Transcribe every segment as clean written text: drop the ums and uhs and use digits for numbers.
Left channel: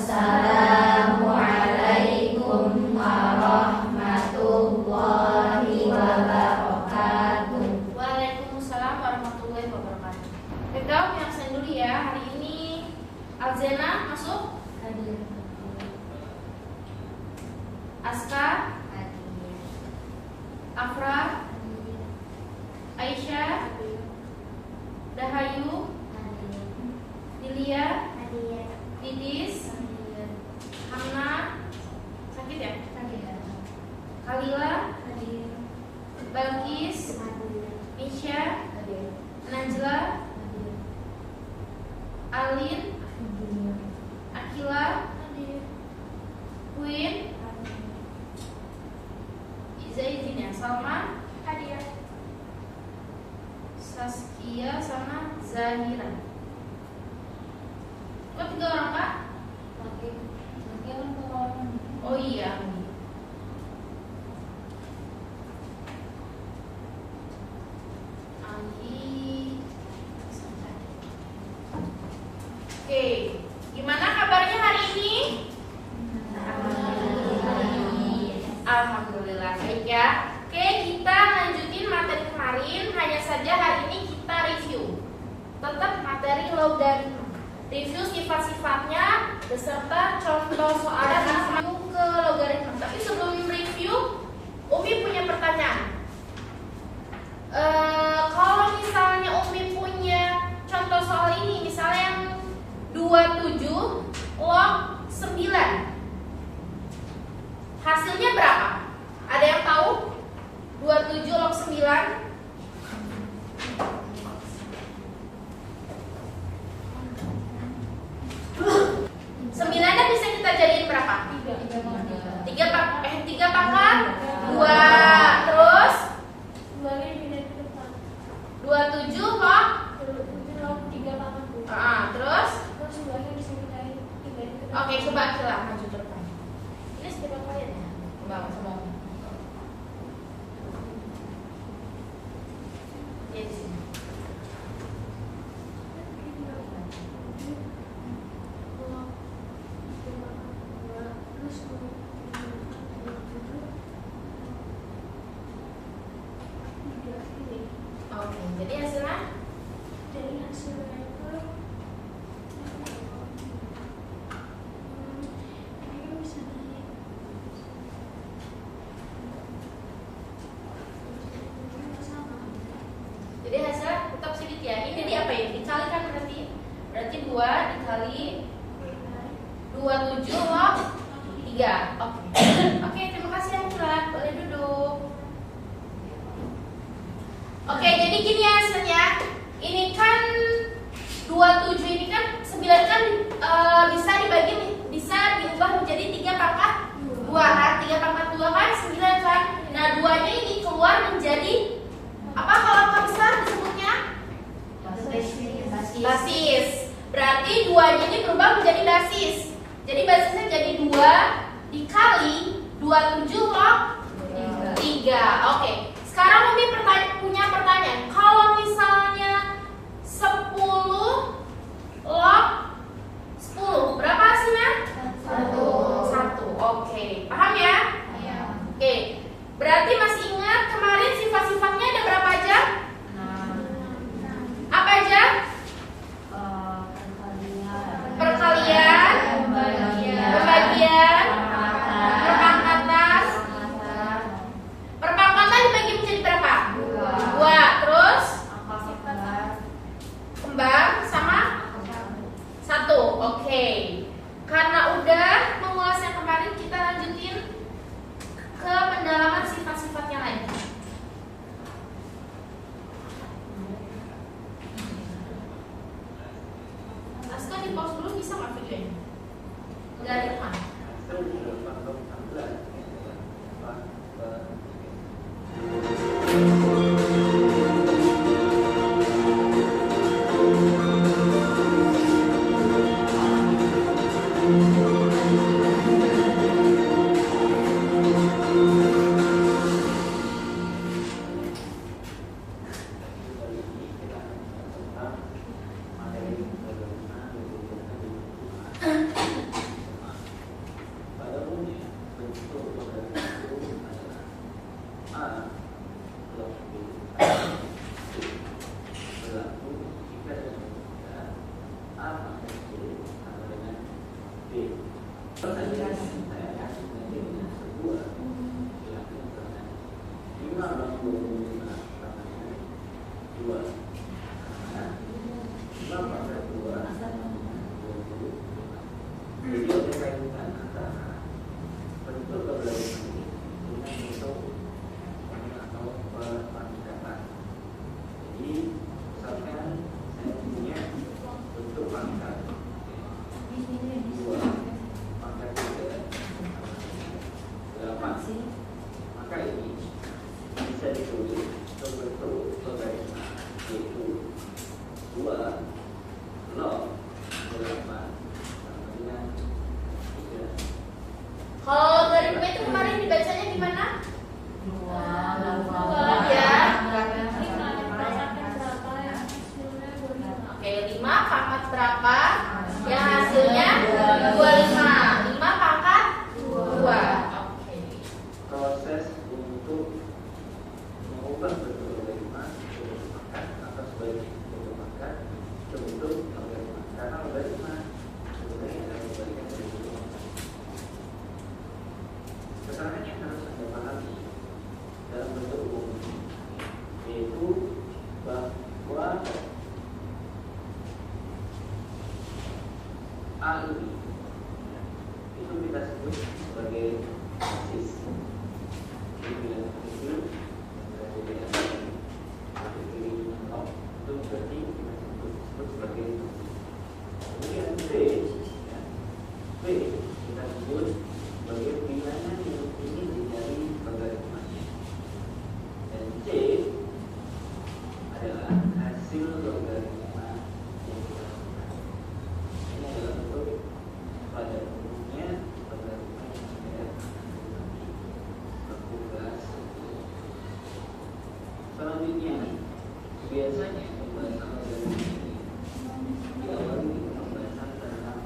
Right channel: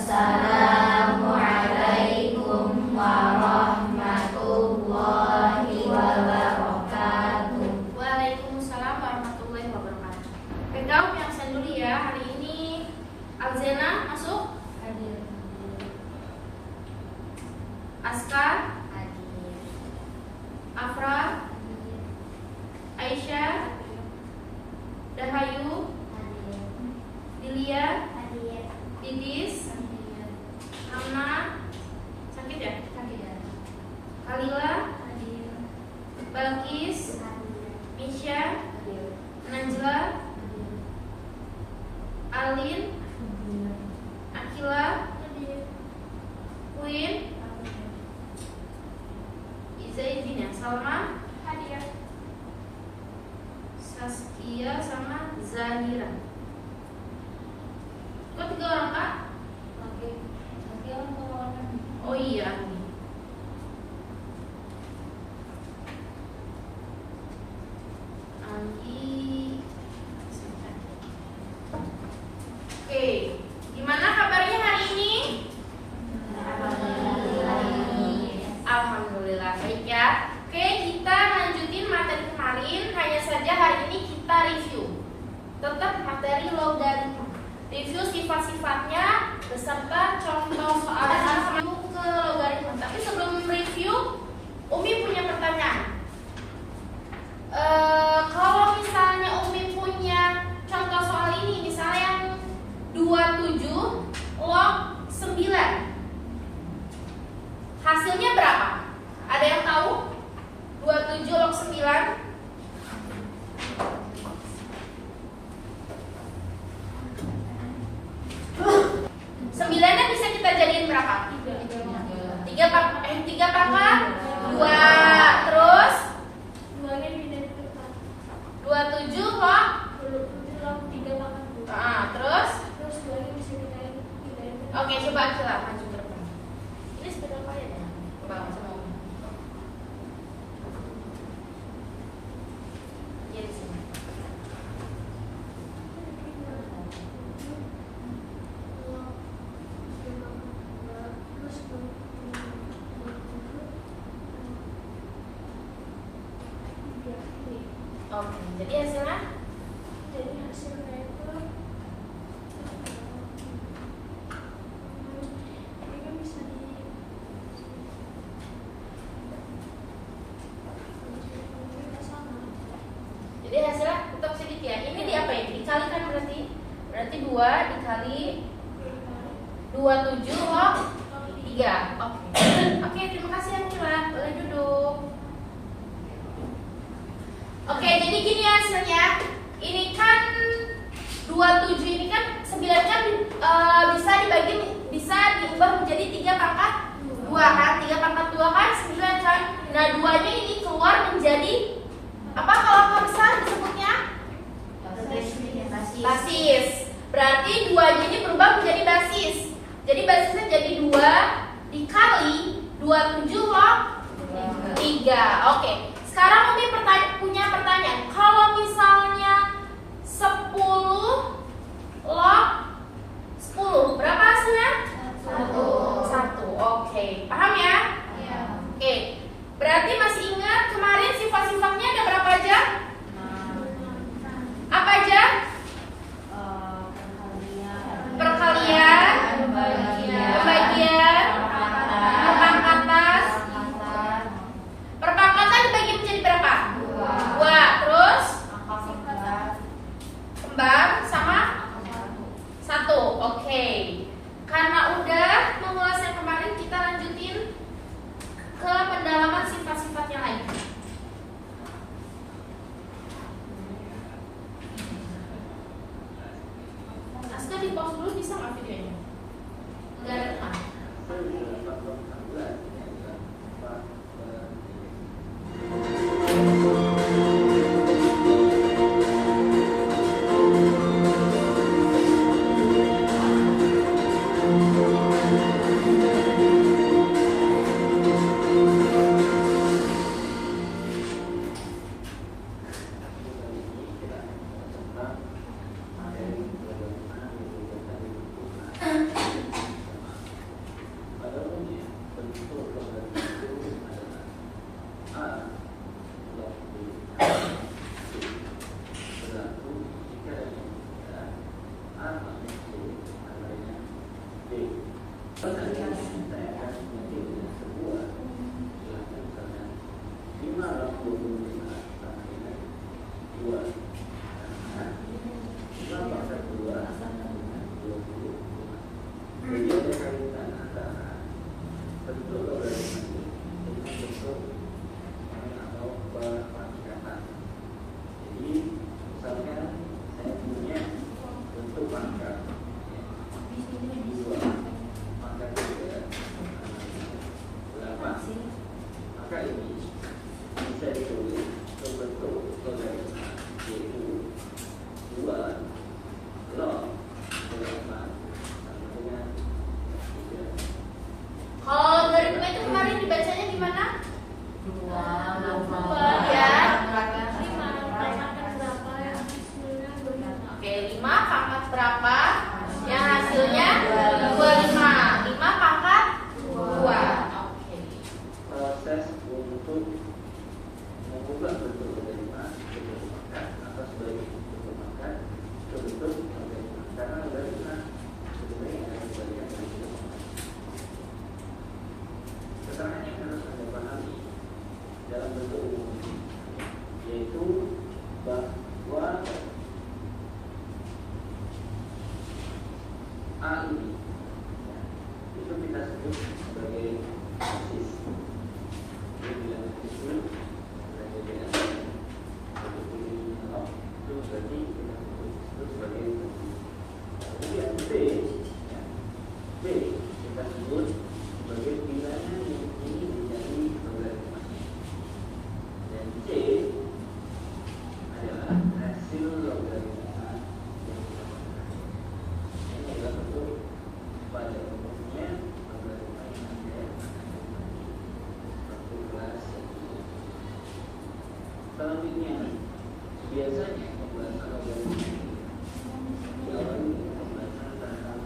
Assalamualaikum warahmatullahi wabarakatuh. Waalaikumsalam warahmatullahi wabarakatuh. Background yang saya dulu ya. Hari ini Alzena masuk. Hadir. Askar, Hadir. Afra, Hadir. Aisyah, Dahayu, Hadir. Dilia, Hadir. Didis, Hadir. Hamna, sakit ya? Hadir. Kalila, Hadir. Balkis, Hadir. Misha, Hadir. Najla, Hadir. Alin, Hadir. Akila, Queen, izin ya, Salma, Hadir. Saskia sama Zahira. Kok 3 orang kak? Oke. Oke, untuk Oh iya. Anggi. Oke, gimana kabarnya hari ini? Alhamdulillah baik ya. Oke, kita lanjutin materi kemarin. Hanya saja hari ini kita review. Tetap materi logaritma. Review sifat-sifatnya beserta contoh soal dan ke logaritma. Tapi sebelum review, Umi punya pertanyaan. Kalau misalnya Umi punya contoh soal ini, misalnya yang 27 log 9, hasilnya berapa? Ada yang tahu? 27 log 9. Sembilannya bisa kita jadiin berapa? 3 pangkat 2. Terus 27 log. Terus oke, coba kita maju ke depan. Ini sepeda apa ya? Coba coba. Yes. Oke, jadi hasilnya? Jadi hasilnya tetap sedikit ya. Ini di apa ya? Dikalikan berarti 2 dikali 27 log 3. Oke. Oke, terima kasih Angela. Boleh duduk. Oke, jadi gini ya hasilnya. Ini kan 27 ini kan 9 kan bisa diubah menjadi 3 pangkat 2 kan? 3 pangkat 2 kan 9 kan? Nah, 2-nya ini keluar menjadi apa kalau angka besar disebutnya? Basis. Berarti 2-nya ini berubah menjadi basis. Jadi basisnya jadi 2 dikali 27 log 3. Oke. Sekarang Umi punya pertanyaan. Kalau misalnya 10 log 10, berapa hasilnya? 1. Oke. Paham ya? Oke. Berarti masih ingat kemarin sifat-sifatnya ada berapa aja? Apa aja? Perkalian, pembagian, perpangkatan. Perpangkatan dibagi menjadi berapa? 2. Terus kembar sama 1. Oke. Karena udah mengulas yang kemarin, kita lanjutin ke pendalaman sifat-sifatnya lain. Aska di pause dulu bisa nggak videonya? Nggak ada kan? sebuah bilangan karena 5 log 25 sama dengan 2 karena 5 pangkat 2 sama dengan 25. Jadi ada kaitan antara bentuk logaritma ini dengan bentuk atau perpangkatan. Jadi misalkan saya punya bentuk pangkat 2 pangkat 3 sama dengan 8, maka ini bisa ditulis ke bentuk logaritma, yaitu 2 log 8 sama dengan 3. Kalau logaritma itu kemarin dibacanya gimana? 2 ya. ya. Oke, 5 pangkat berapa? Yang hasilnya 25. 5 pangkat 2. Oke. Proses untuk mengubah bentuk logaritma ke bentuk pangkat atau sebagai bentuk pangkat ke bentuk logaritma, karena logaritma sebenarnya adalah bagian dari bentuk pangkat. Keterangan yang harus Anda pahami dalam bentuk umum yaitu bahwa A ini itu kita sebut sebagai basis. Jadi bila itu berada di atas berarti ini nol, itu berarti kita sebut sebagai basis. Kemudian B, ya, B kita sebut sebagai bilangan yang ingin dicari logaritmanya, dan C adalah hasil logaritma yang kita lakukan. Ini adalah bentuk pada umumnya logaritma yang Anda akan dapati seperti kelas 1. Selanjutnya, biasanya pembahasan logaritma ini diawali dengan pembahasan tentang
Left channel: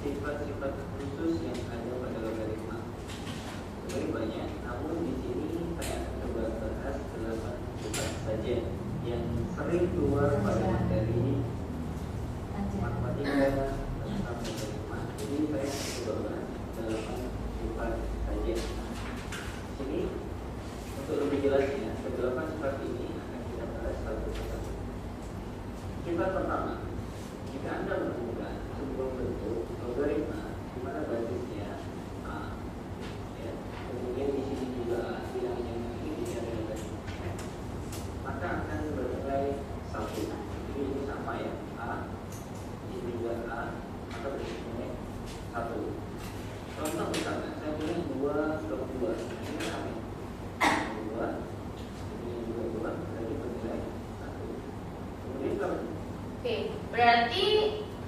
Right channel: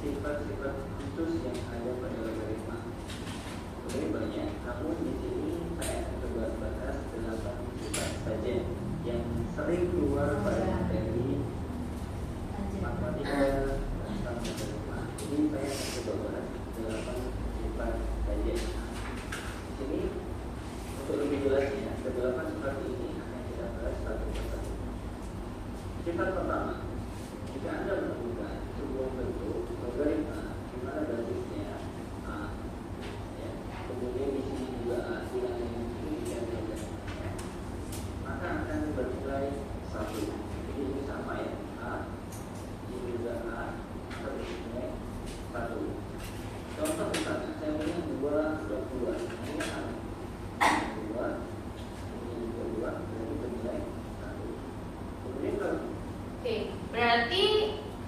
sifat-sifat khusus yang ada pada logaritma. Sebenarnya banyak, namun di sini saya akan coba bahas 8 sifat saja yang sering keluar pada materi matematika tentang logaritma. Jadi saya akan coba bahas 8 sifat saja. Ini untuk lebih jelasnya, ke-8 sifat ini akan kita bahas satu persatu. Sifat pertama, jika Anda menemukan sebuah bentuk logaritma di mana basisnya A, ya, kemudian di sini juga A, bilangan yang ini dicari logaritmanya, maka akan bernilai 1. Jadi ini sama ya, A, ini juga A, maka bernilai 1. Contoh misalnya, saya punya 2 log 2, ini kan sama 2, ini juga 2, berarti bernilai 1. Kemudian kalau Oke, berarti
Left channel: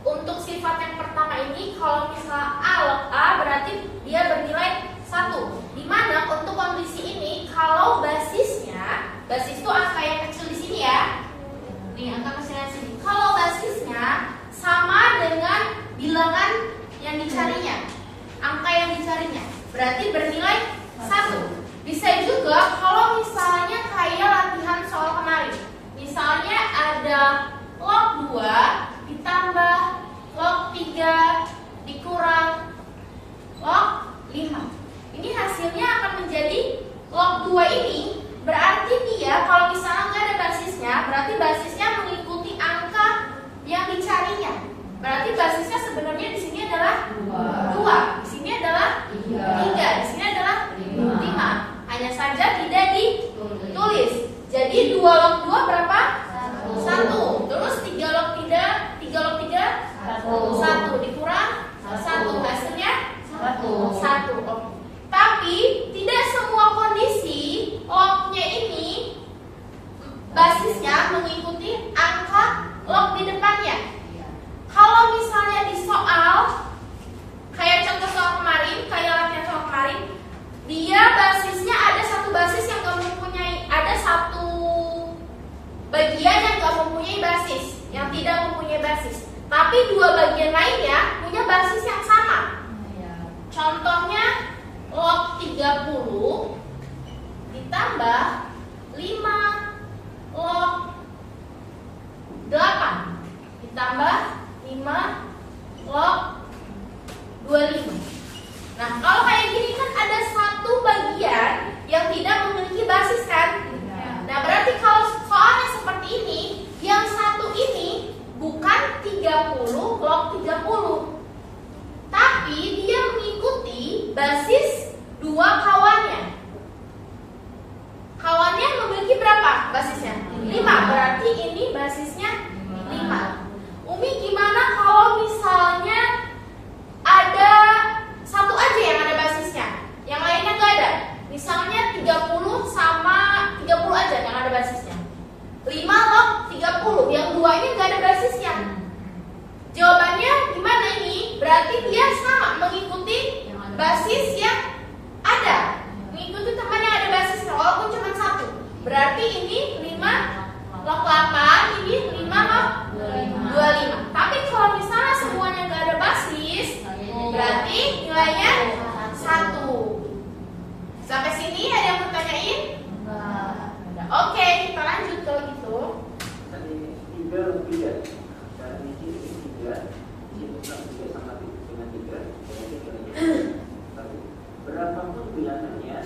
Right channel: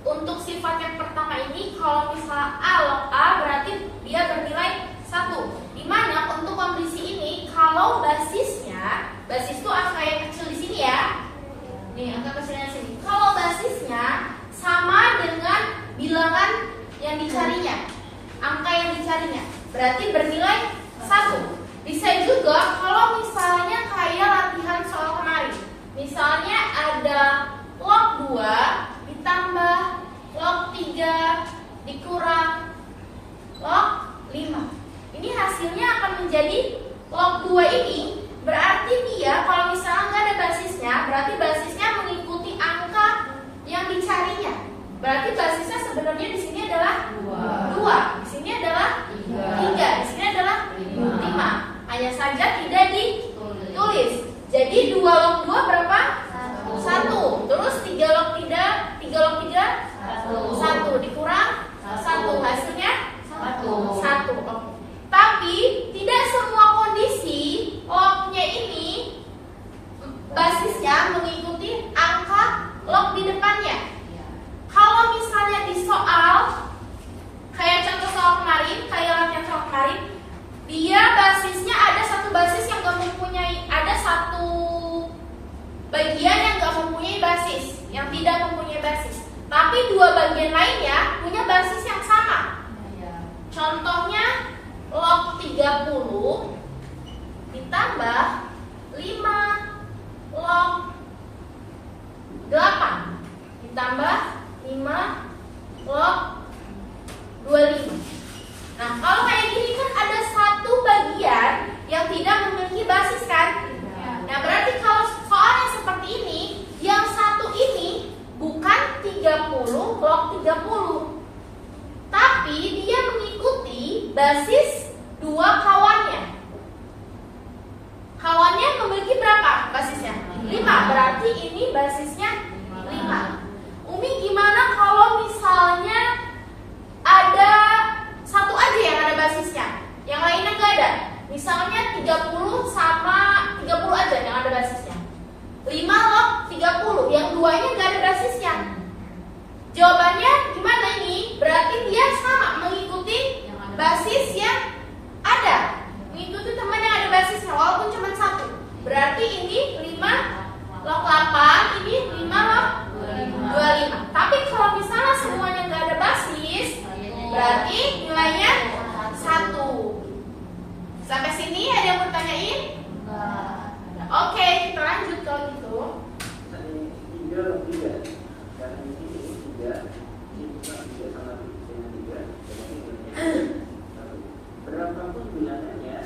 untuk sifat yang pertama ini kalau misalnya A log A berarti dia bernilai 1. Dimana untuk kondisi ini kalau basisnya, basis itu angka yang kecil di sini ya. Nih angka kecilnya di sini. Kalau basisnya sama dengan bilangan yang dicarinya, angka yang dicarinya, berarti bernilai 1. Bisa juga kalau misalnya kayak latihan soal kemarin. Misalnya ada log 2 ditambah log 3 dikurang log 5. Ini hasilnya akan menjadi log 2 ini berarti dia kalau misalnya nggak ada basisnya, berarti basisnya mengikuti angka yang dicarinya. Berarti basisnya sebenarnya di sini adalah 2, di sini adalah 3, di sini adalah 5. Hanya saja tidak ditulis. Jadi 2 log 2 berapa? 1. Terus 3 log 3, 3 log 3 1 dikurang 1, hasilnya 1. Tapi tidak semua kondisi lognya ini basisnya mengikuti angka log di depannya. Kalau misalnya di soal kayak contoh soal kemarin, kayak latihan soal kemarin, dia basisnya ada satu basis yang gak mempunyai, ada satu bagian yang gak mempunyai basis, yang tidak mempunyai basis. Tapi 2 bagian lainnya punya basis yang sama. Contohnya log 30 ditambah 5 log 8 ditambah 5 log 25. Nah, kalau kayak gini kan ada satu bagian yang tidak memiliki basis kan? Nah, berarti kalau soalnya seperti ini, yang satu ini bukan 30 blok 30. Tapi dia mengikuti basis dua kawannya. Kawannya memiliki berapa basisnya? 5. Berarti ini basisnya 5. Umi gimana kalau misalnya ada satu aja yang ada basisnya, yang lainnya nggak ada? Misalnya 30 sama 30 aja yang ada basisnya. 5 log 30, yang duanya nggak ada basisnya. Jawabannya gimana ini? Berarti dia sama mengikuti basis yang ada, mengikuti teman yang ada basisnya walaupun cuma 1. Berarti ini 5 log 8, ini 5 log 25. Tapi kalau misalnya semuanya nggak ada basis, berarti nilainya 1. Sampai sini ada yang mau tanyain? Oke, kita lanjut kalau gitu. Tadi 3 log 3. Karena di sini 3, ini bukan 3 sama dengan 3, berarti nilainya 1. Berapapun bilangannya,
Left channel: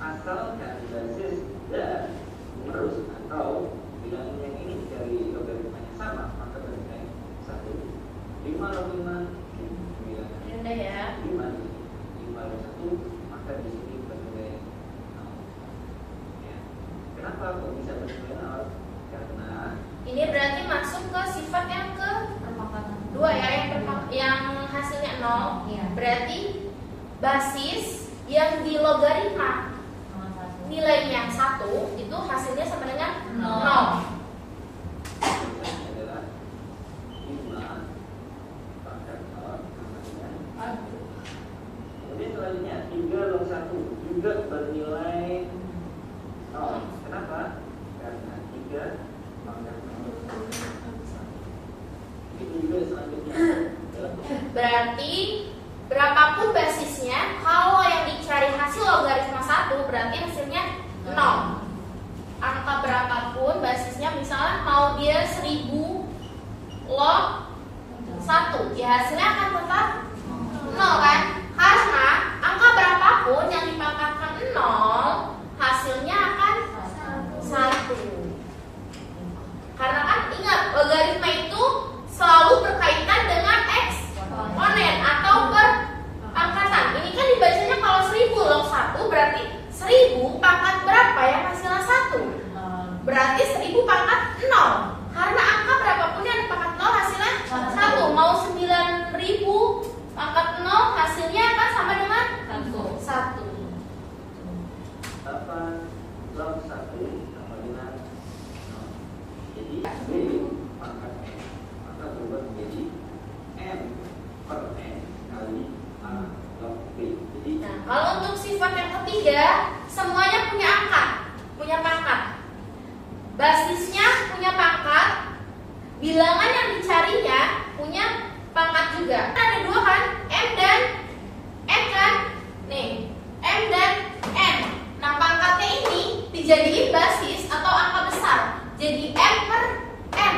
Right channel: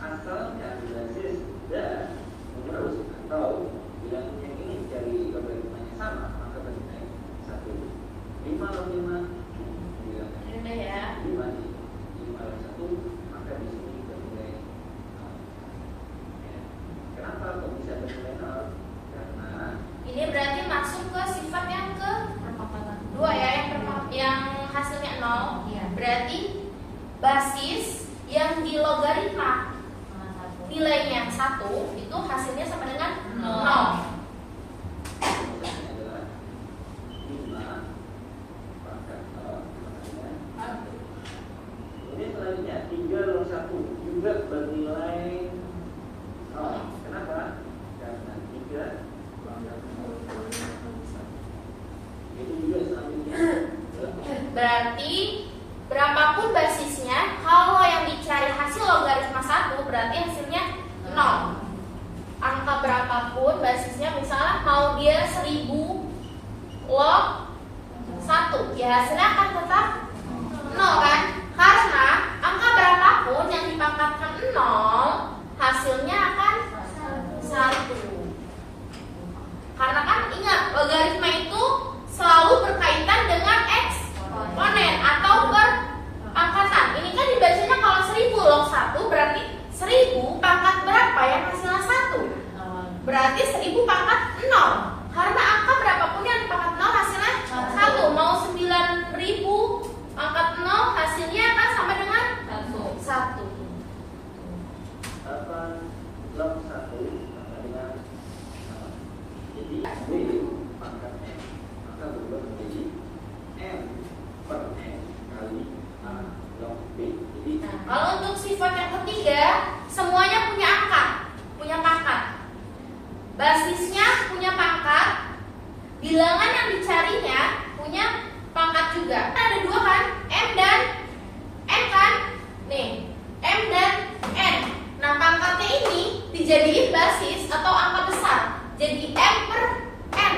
asalkan basis dan numerus atau bilangan yang ini dari logaritmanya sama, maka bernilai 1. 5 log 5, Udah ya. 5 log 1, maka di sini bernilai 0. Ya. Kenapa kok bisa bernilai 0? Karena Ini berarti masuk ke sifat yang ke 2 ya, yang hasilnya 0. Iya. Berarti basis yang di logaritma nilainya 1 itu hasilnya sama dengan 0. jawabannya adalah 5 pangkat 0 sama dengan 1. Kemudian selanjutnya 3 log 1 juga bernilai 0. Kenapa? Karena 3 pangkat 0 itu juga selanjutnya. Berarti berapapun basisnya, kalau yang dicari hasil logaritma 1 berarti hasilnya 0. Angka berapapun basisnya, misalnya mau dia 1000 log 1, ya hasilnya akan tetap 0 kan? Karena angka berapapun yang dipangkatkan 0, hasilnya akan 1. Karena kan ingat, logaritma itu selalu berkaitan dengan eksponen atau perpangkatan. Ini kan dibacanya kalau 1000 log 1 berarti 1000 pangkat berapa yang hasilnya 1? Berarti 1000 pangkat 0. Karena angka berapapun yang dipangkat 0 hasilnya 1. Mau 9000 pangkat 0 hasilnya akan sama dengan 1. 8 log 1 sama dengan 0. Jadi B pangkat M akan berubah menjadi M per N kali A log B. Jadi Nah, kalau untuk sifat yang ketiga, semuanya punya angka, punya pangkat. Basisnya punya pangkat, bilangan yang dicarinya punya pangkat juga. Ada 2 kan, M dan N kan? Nih, M dan N. Nah, pangkatnya ini dijadiin basis atau angka besar. Jadi M per M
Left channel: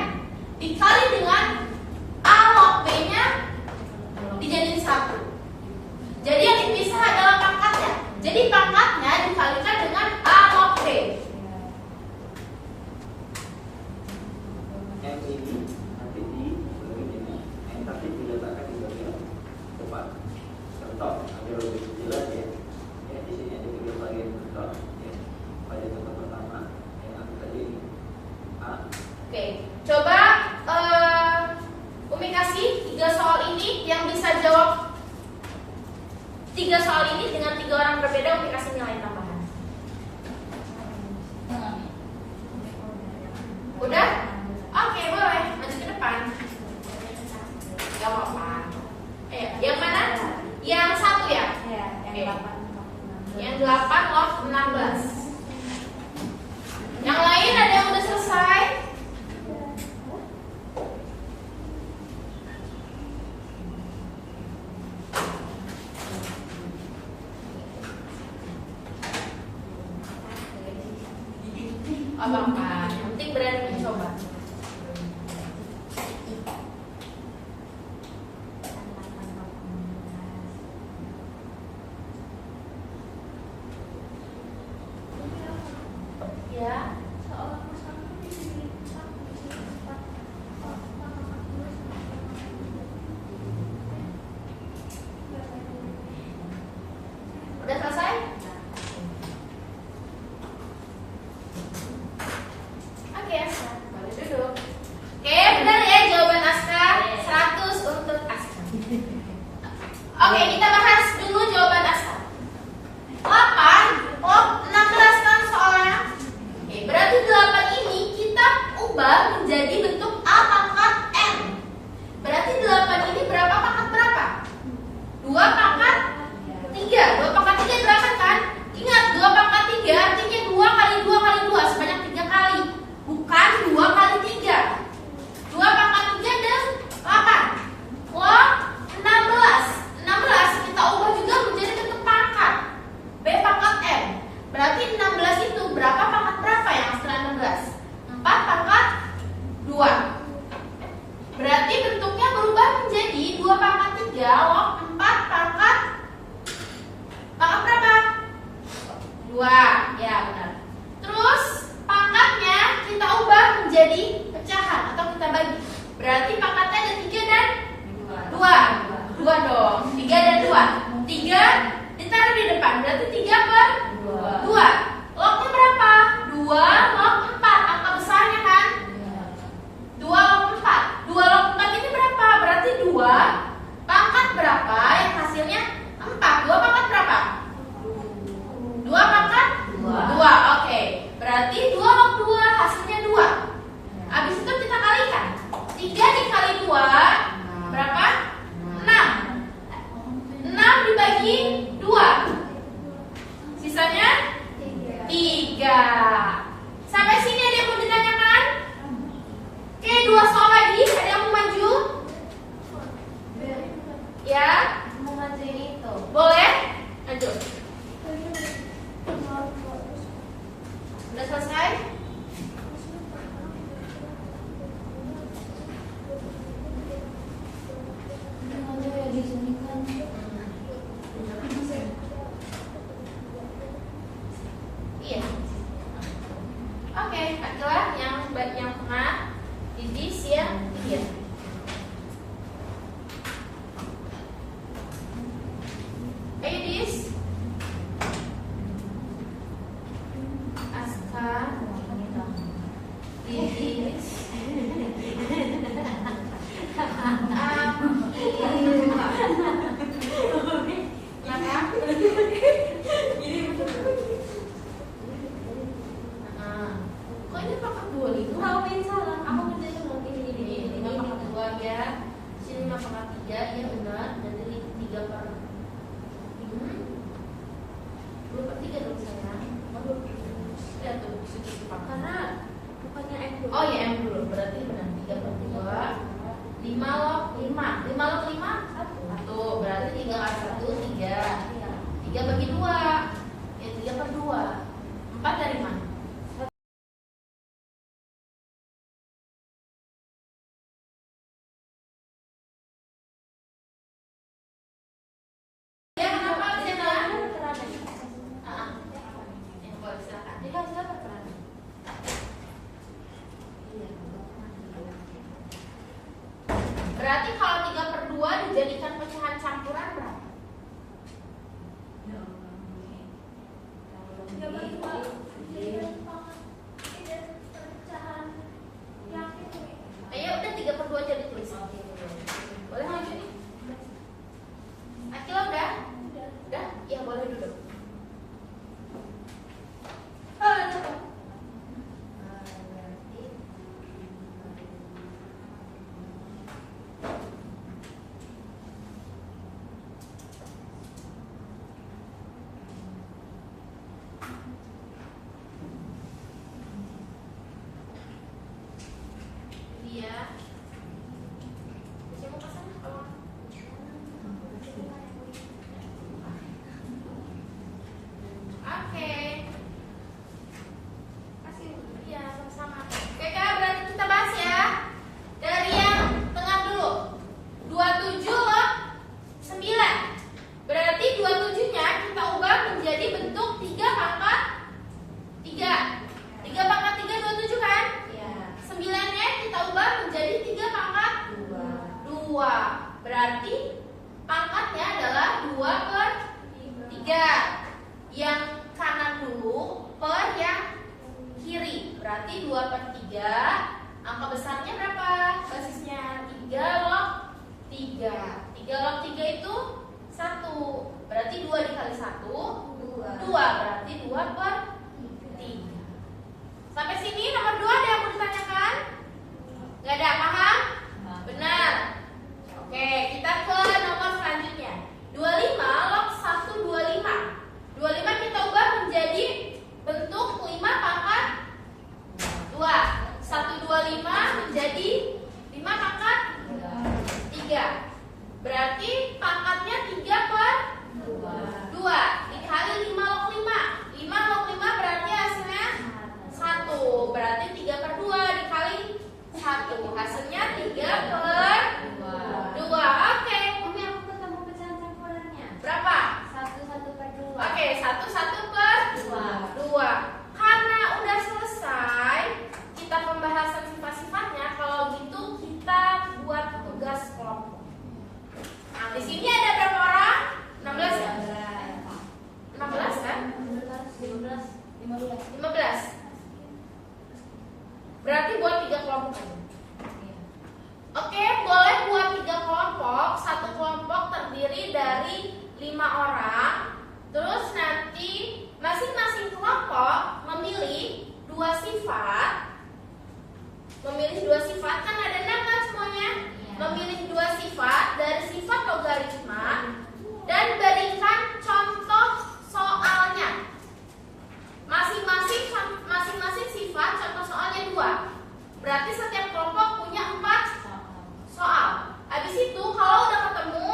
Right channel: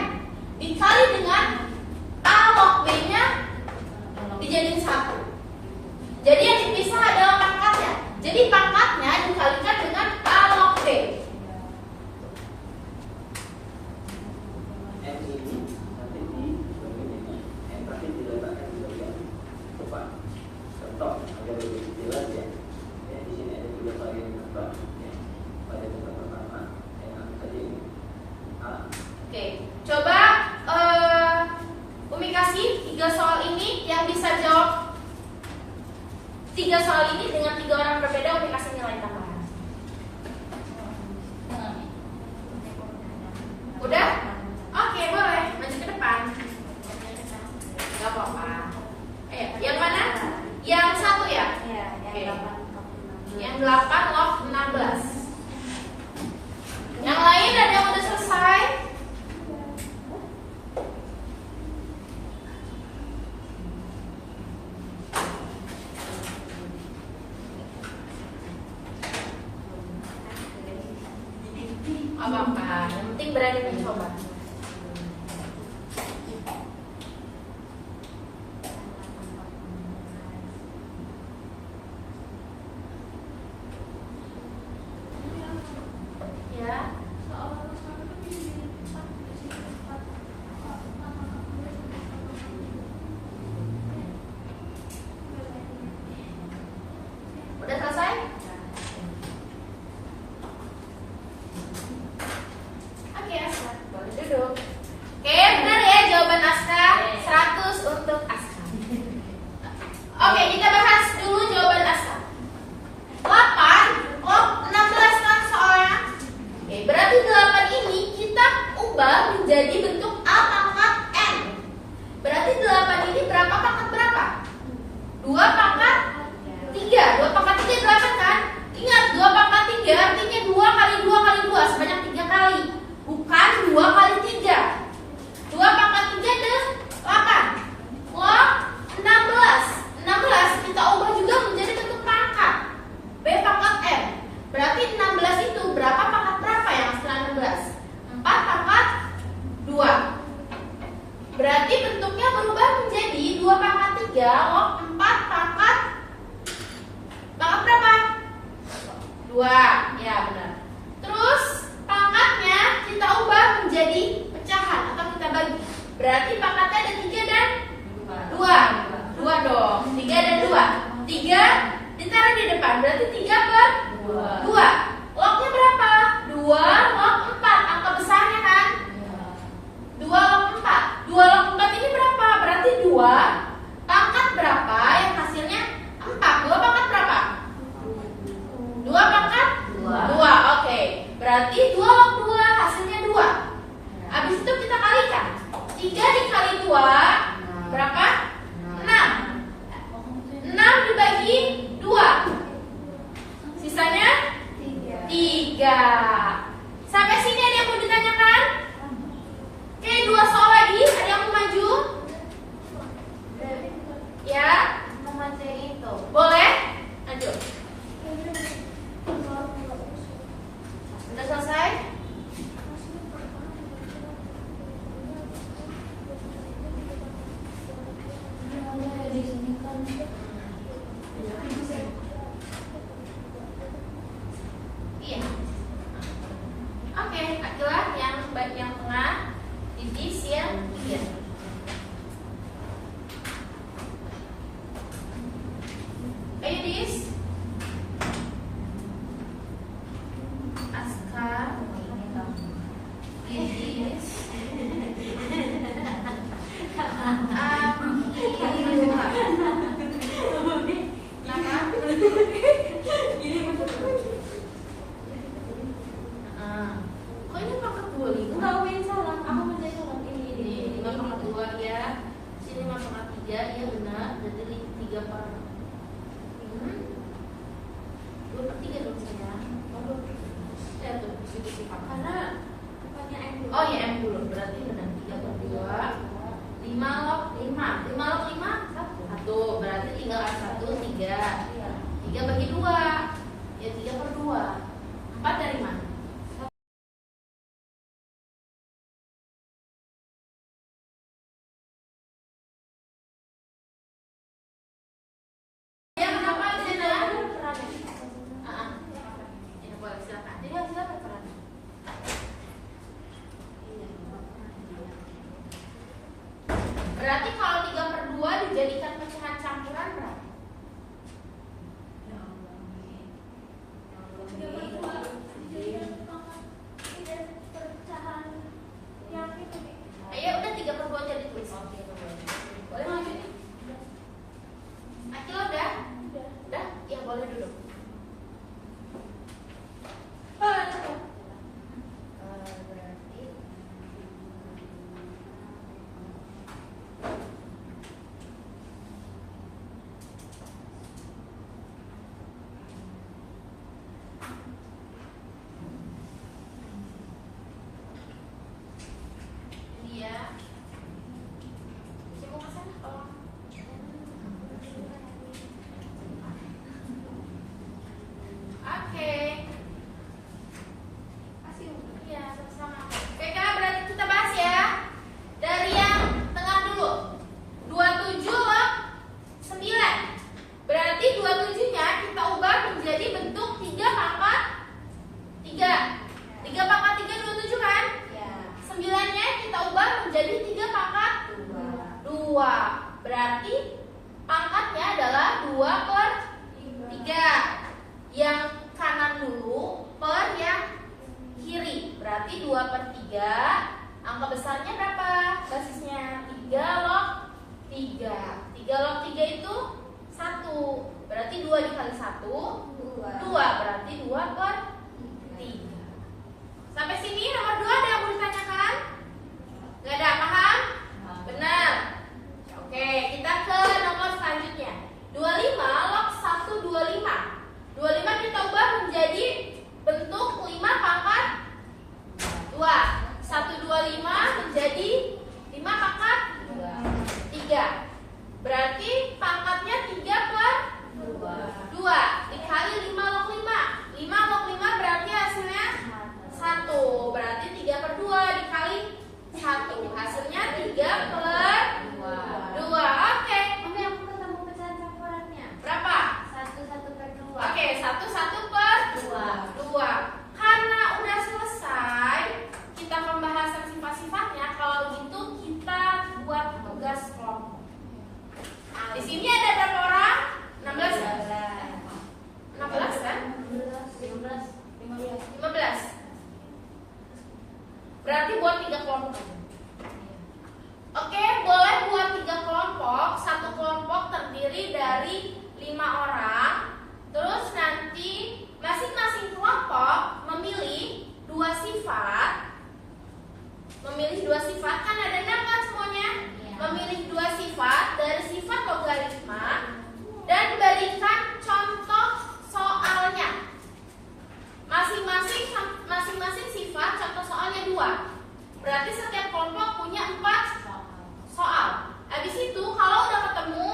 dikali dengan A log B-nya dijadiin 1. Jadi yang dipisah adalah pangkatnya. Jadi pangkatnya dikalikan dengan A log B. M ini nanti di bagian ini, N tapi diletakkan di bagian depan. Contoh agar lebih jelas ya. Ya di sini ada 3 varian contoh. Ya. Pada contoh pertama yang aku tadi ini A. Oke, coba Umi kasih 3 soal ini yang bisa jawab 3 soal ini dengan 3 orang berbeda. Umi kasih nilai tambahan. Udah? Oke, boleh. Maju ke depan. Gak apa-apa. Yang mana? Yang 1 ya? Oke. Yang 8 log 16. Yang lain ada yang udah selesai? Apa-apa, yang penting berani mencoba. Oke, kita bahas dulu jawaban Aska. 8 log 16 kan soalnya. Oke, berarti 8 ini kita ubah menjadi bentuk A pangkat N. Berarti 8 ini berapa pangkat berapa? 2 pangkat 3. 2 pangkat 3 8 kan? Ingat, 2 pangkat 3 artinya 2 kali 2 kali 2 sebanyak 3 kali. Bukan 2 kali 3. 2 pangkat 3 adalah 8. Log 16. 16 kita ubah juga menjadi bentuk pangkat B pangkat N. Berarti 16 itu berapa pangkat berapa yang setelah 16? 4 pangkat 2. Berarti bentuknya berubah menjadi 2 pangkat 3 log 4 pangkat berapa? 2. Ya benar. Terus pangkatnya kita ubah menjadi pecahan atau kita bagi. Berarti pangkatnya ada 3 dan 2. 2 dong. 3 dan 2. 3 ditaruh di depan. Berarti 3 per 2. Lognya berapa? 2 log 4. Angka besarnya kan? 2 log 4. 2 log 4 ini berapa? Berarti 2 pangkat berapa yang hasilnya 4. 2 pangkat berapa? 2 pangkat 2. Oke. Berarti 2 log 2 hasilnya 2. Habis itu kita kalikan. 3 dikali 2 berapa? 6. 6 dibagi 2. Sisanya 3. Sampai sini ada yang mau ditanyakan? Oke, 2 soal lagi. Ada yang mau maju? Ya? itu. Boleh? Lanjut. Sudah selesai? Iya. Oke, adalah yang tengah. This ya, iya. Ayo Dis. Aska. Dis. Kok ini pangkat 2 nih? Enggak, Win, salah. Aku ngerjain log ini. Ini pangkat 2 ya. Sini 5 pangkat 3, ya benar. Jadi 3 per 2 per 3 dong sayang. Ya tuh, situ Karena bukannya M dulu. oh ya M dulu, berarti benar 3 per 2. 5 log 5. 5 log 5 1. Berarti tinggal 1 3. 3 bagi 2. Ya 3 per 2. 4 dari mana? Ya kenapa di sana? Ya boleh silakan. Jadi hasilnya perannya. Berarti kalau 3 per 2 dijadikan pecahan campuran berapa? 3 per 2. 2, berarti 2/3. Sampai sini nomor 2 ada yang mau ditanyakan? Gak ada, paham? Benar. Oke, kita ke nomor selanjutnya. 25 log 125. 25 kita ubah menjadi bentuk 5 pangkat 2. 125 menjadi 5 pangkat 3. Berarti pangkatnya 3/2. Dikali 5 log 5. 5 log 5 berarti hasilnya 1. Berarti 3/2 dikali 1. Hasilnya 3/2. Oke. Mami, aku ketemu pecahan campurannya. Berapa? 1/2. Oke, 1/2. Karena udah selesai kita pembahasan sifat-sifatnya, kalau gitu kita buat tugas kelompok. Nah, di sini ada berapa orang? 16 ya? 16 kan? 15. Berarti buat 3 kelompok aja. Oke, boleh buat 3 kelompok. Satu kelompok terdiri dari 5 orang. Terus nanti masing-masing kelompok memilih 2 sifat. Kan ada 6 kan semuanya? Memilih 2 sifat dari sifat logaritma dan berikan contoh soalnya. Masing-masing sifat contoh soalnya 2. Berarti setiap kelompok punya 4 soal. Habis itu kalau udah ketemu,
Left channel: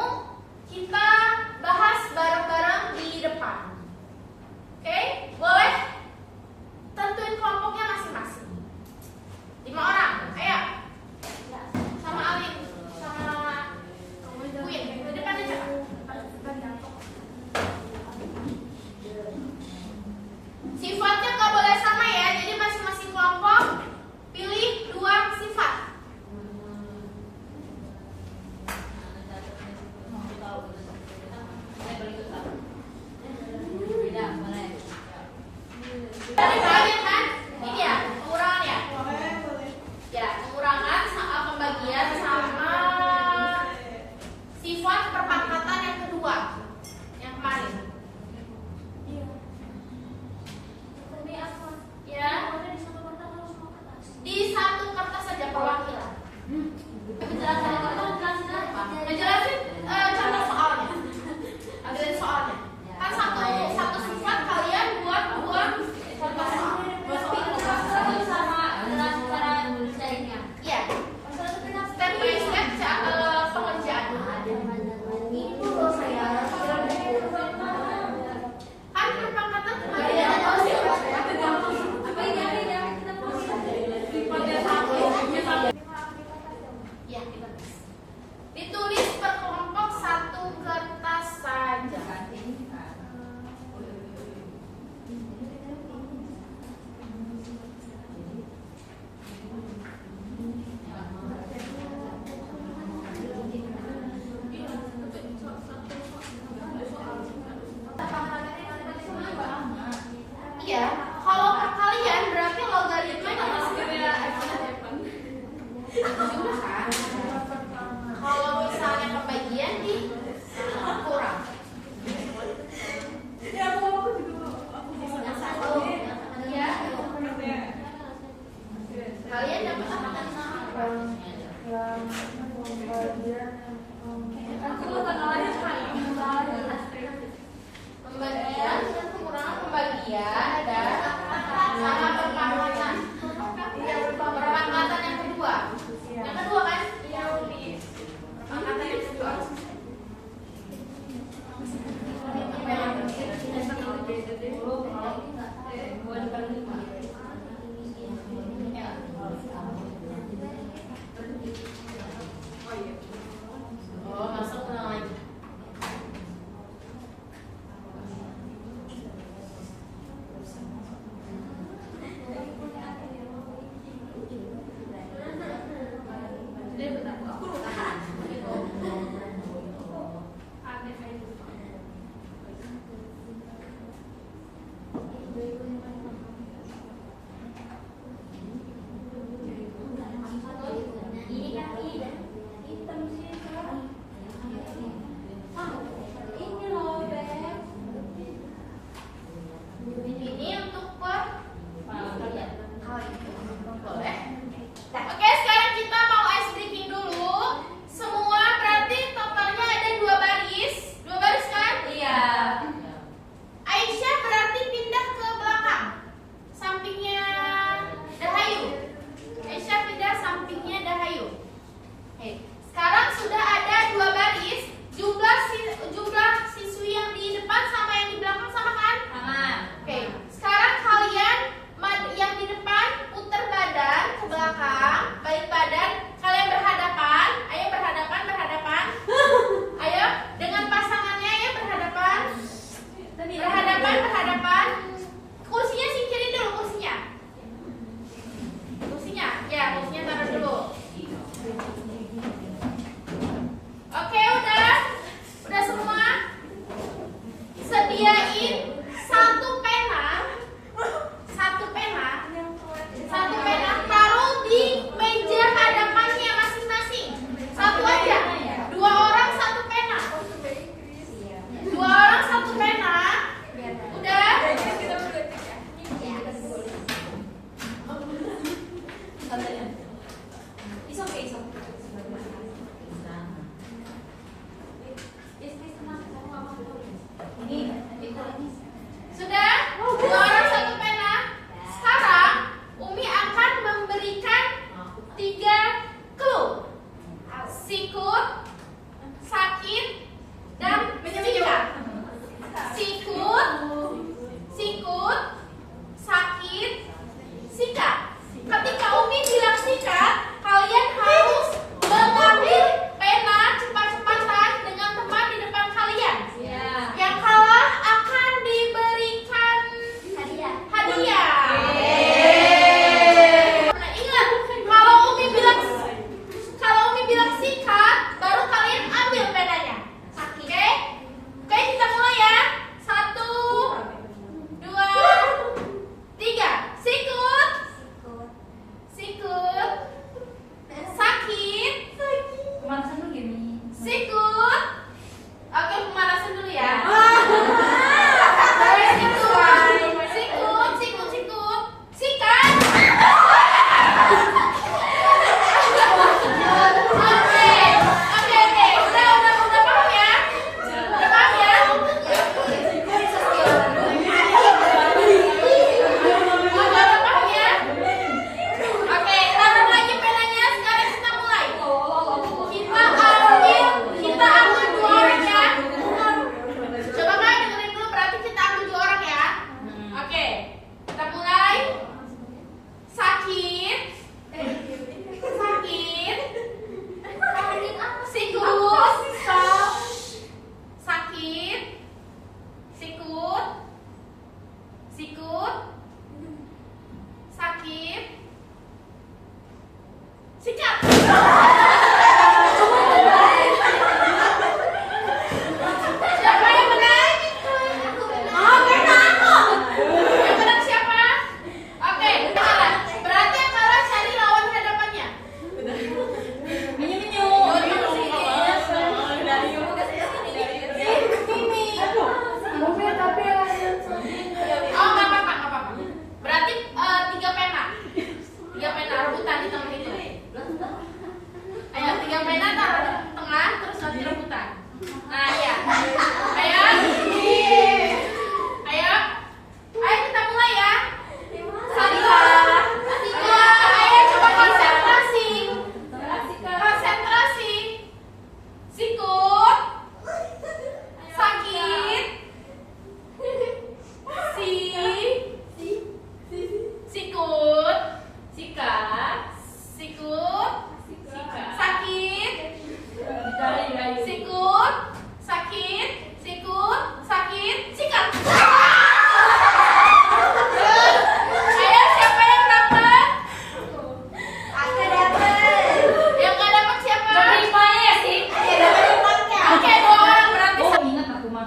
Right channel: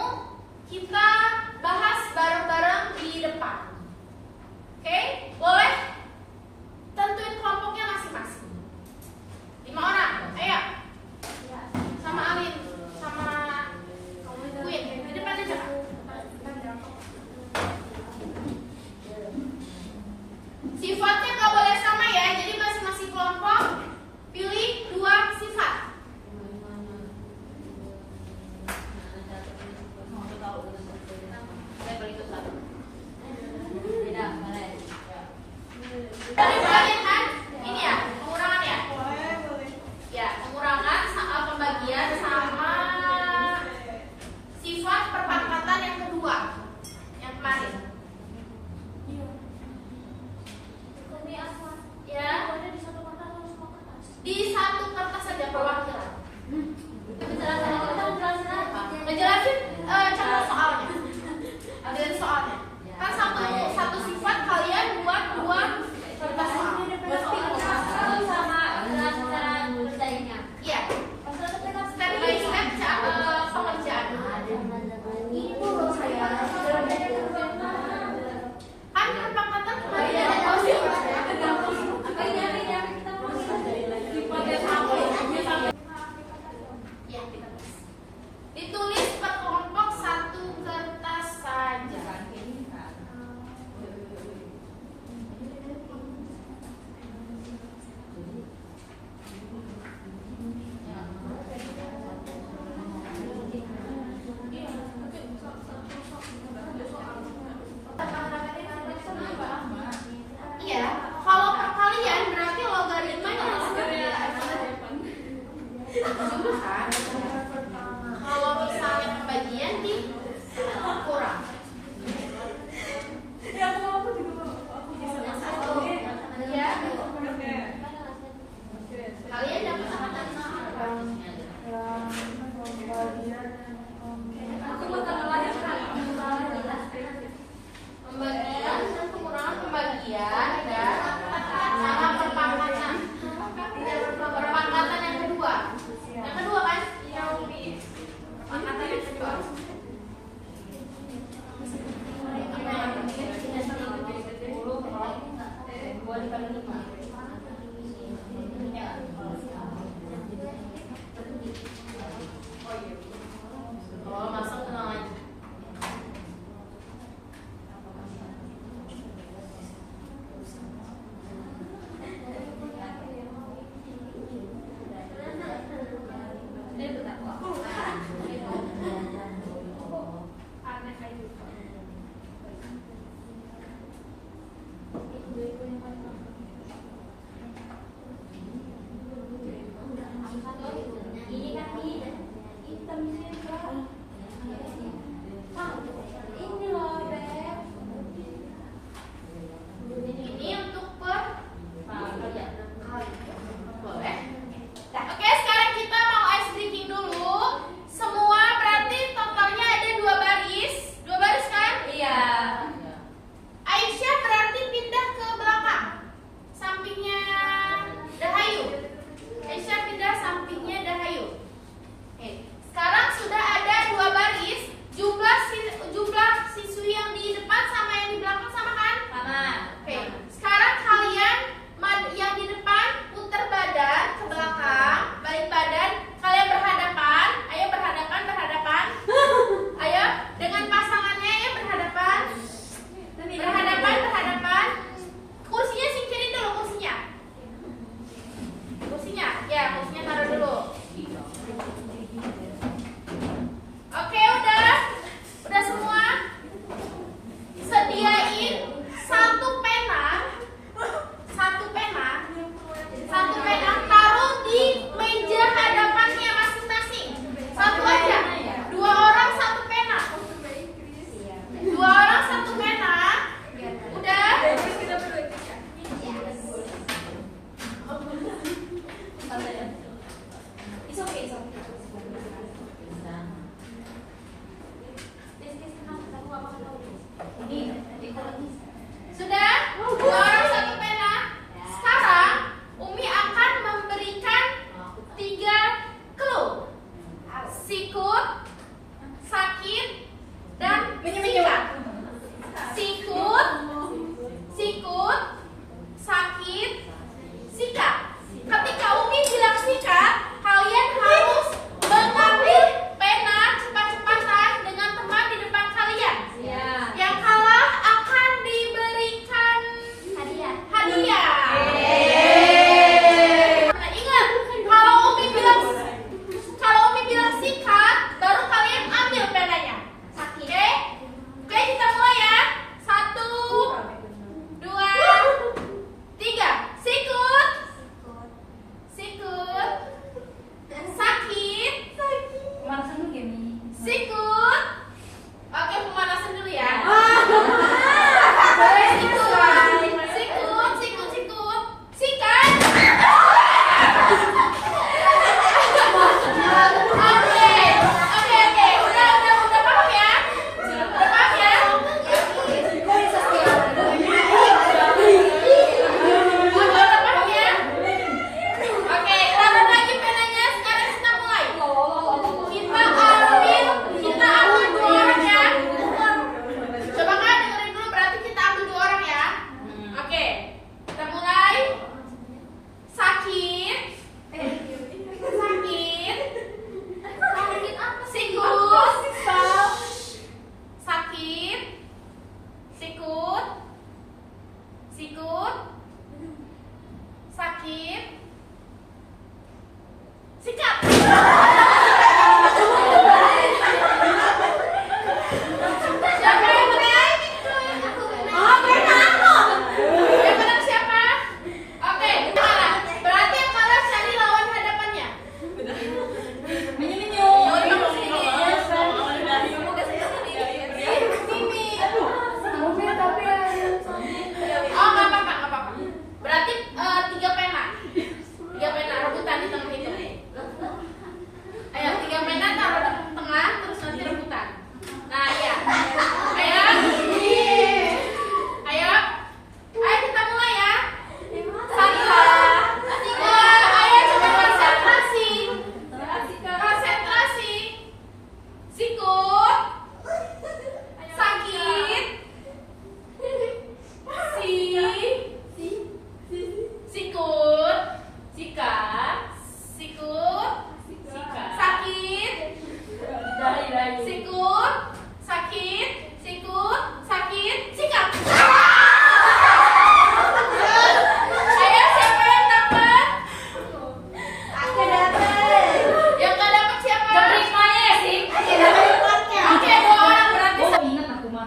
kita bahas bareng-bareng di depan. Oke? Boleh? Tentuin kelompoknya masing-masing. 5 orang. Ayo. Sama Alin, sama Queen. Di depan aja, Kak. Sifatnya nggak boleh sama ya. Jadi masing-masing kelompok pilih 2 sifat. Tadi kalian kan ini ya pengurangan ya. Ya pengurangan soal pembagian sama sifat perpangkatan yang kedua yang kemarin. Ya. Di satu kertas saja perwakilan. Ngejelasin contoh soalnya. Ambilin soalnya. Kan satu sifat kalian buat 2 contoh soal. Iya. Step by step pengerjaan. Kan perpangkatan kebagian ya, kita tes. Ditulis per kelompok 1 kertas saja. Iya, kalau perkalian berarti logaritmanya harus juga kan? Kalau misalnya pembagian di kurang. Iya. Kalian dapat apa? Pembagian dan pengurangan pembagian dan sama perpangkatan. Perpangkatan yang kedua. Yang kedua kan?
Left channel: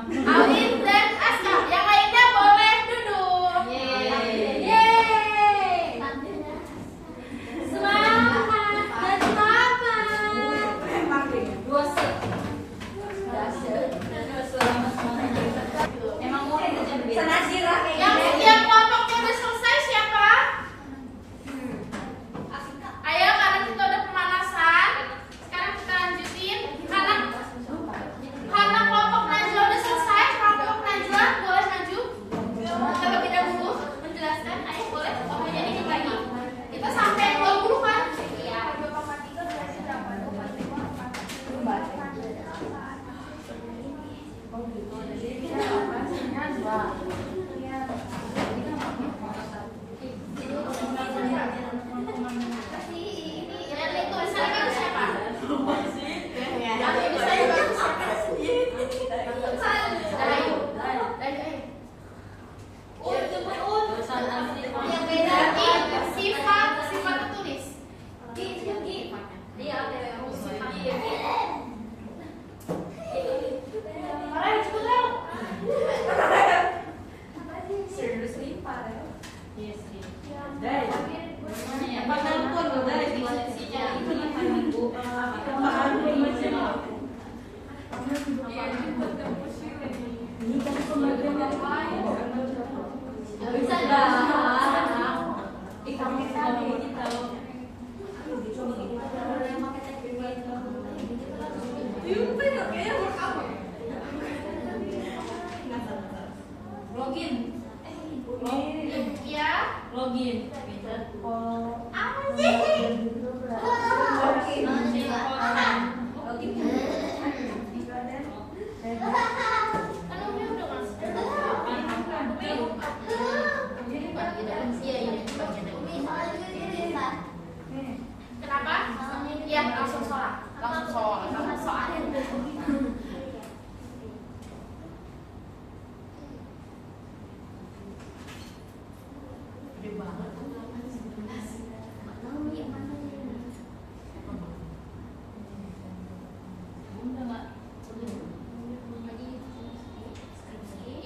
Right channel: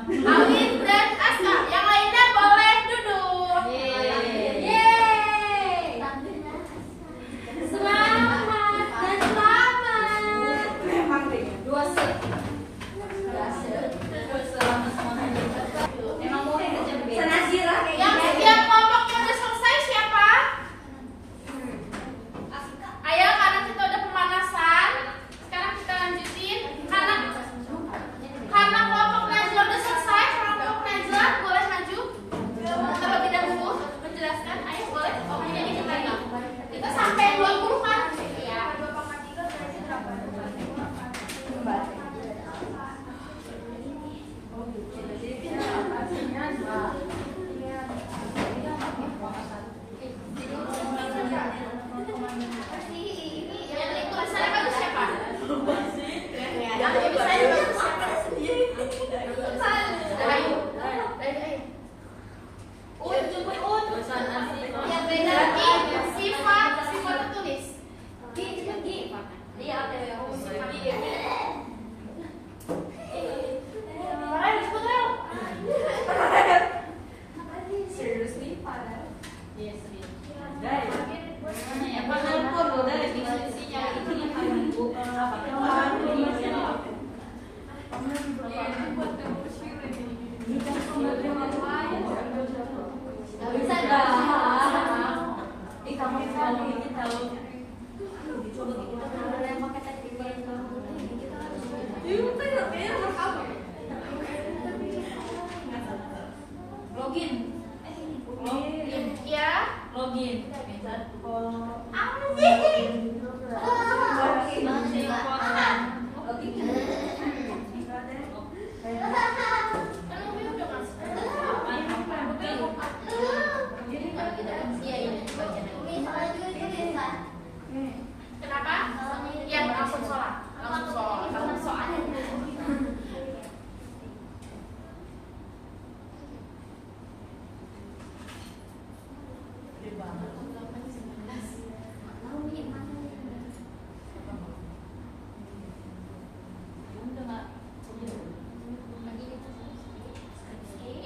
Alif dan Aska. Yang lainnya boleh duduk. Yeay. Selamat dan selamat. Dua set. Emang mau kerja berbeda. Senasirah kayak Yang gini. yang kelompoknya udah selesai siapa? Ayo, karena kita udah pemanasan, sekarang kita lanjutin. Karena kelompok Najwa udah selesai, kelompok Najwa boleh maju terlebih dahulu menjelaskan. Ayo boleh. Oke, jadi kita lagi. Kita sampai 20 kan? Iya. 2,3 berarti berapa? 2,3. Yang itu misalnya kan siapa? Yang bisa itu siapa? Ayo. Yang beda sifat tertulis. Ayo cepet Leo. Ya. Login. Kan Umi udah masuk. Iya, ini bagian lagi. Kenapa? Ya, langsung sholat. Langsung sholat.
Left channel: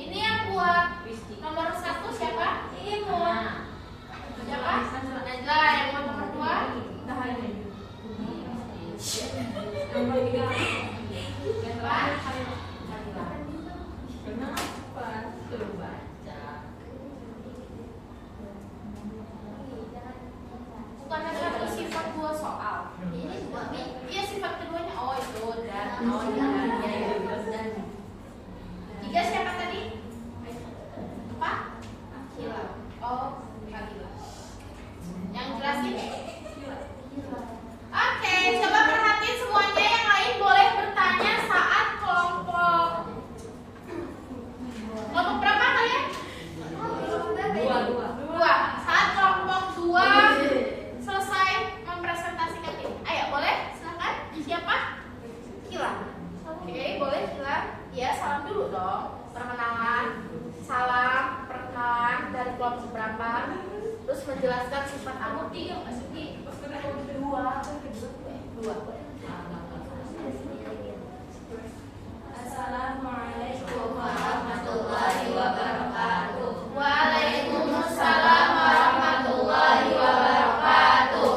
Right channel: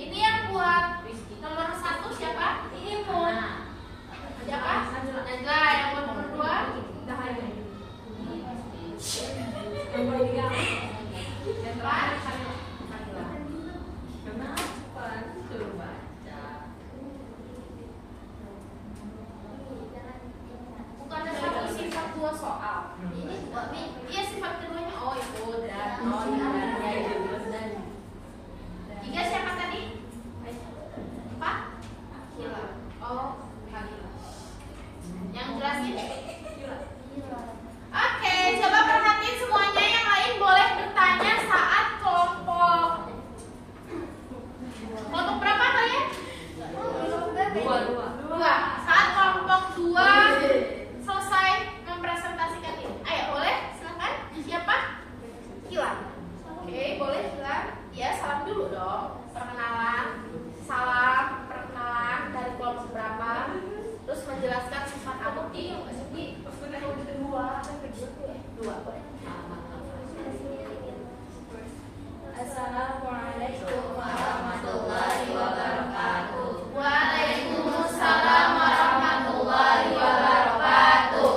Ini yang buat nomor 1 siapa? Imun. Siapa? Najla. Yang buat nomor 2? Bukannya satu sifat 2 soal. Iya, sifat keduanya. Oh, itu udah. Oh, iya. 3 siapa tadi? Apa? Oh, yang jelasin? Oke, coba perhatiin semuanya. Yang lain boleh bertanya saat kelompok. Kelompok berapa kalian? 2. Saat kelompok 2 selesai mempresentasikan ini. Ayo, boleh? Silakan. Siapa? Kila. Oke, boleh Kila. Ya, salam dulu dong. Perkenalan. Salam, perkenalan dari kelompok berapa. Terus menjelaskan sifat Amuti. Dua. Assalamualaikum warahmatullahi wabarakatuh. Waalaikumsalam warahmatullahi wabarakatuh.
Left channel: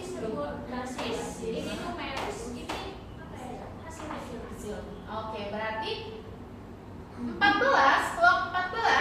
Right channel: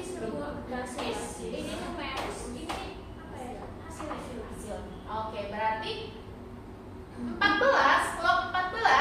disebut basis. Ini numeris, ini apa ya? Hasil. Oke, berarti 14 log 14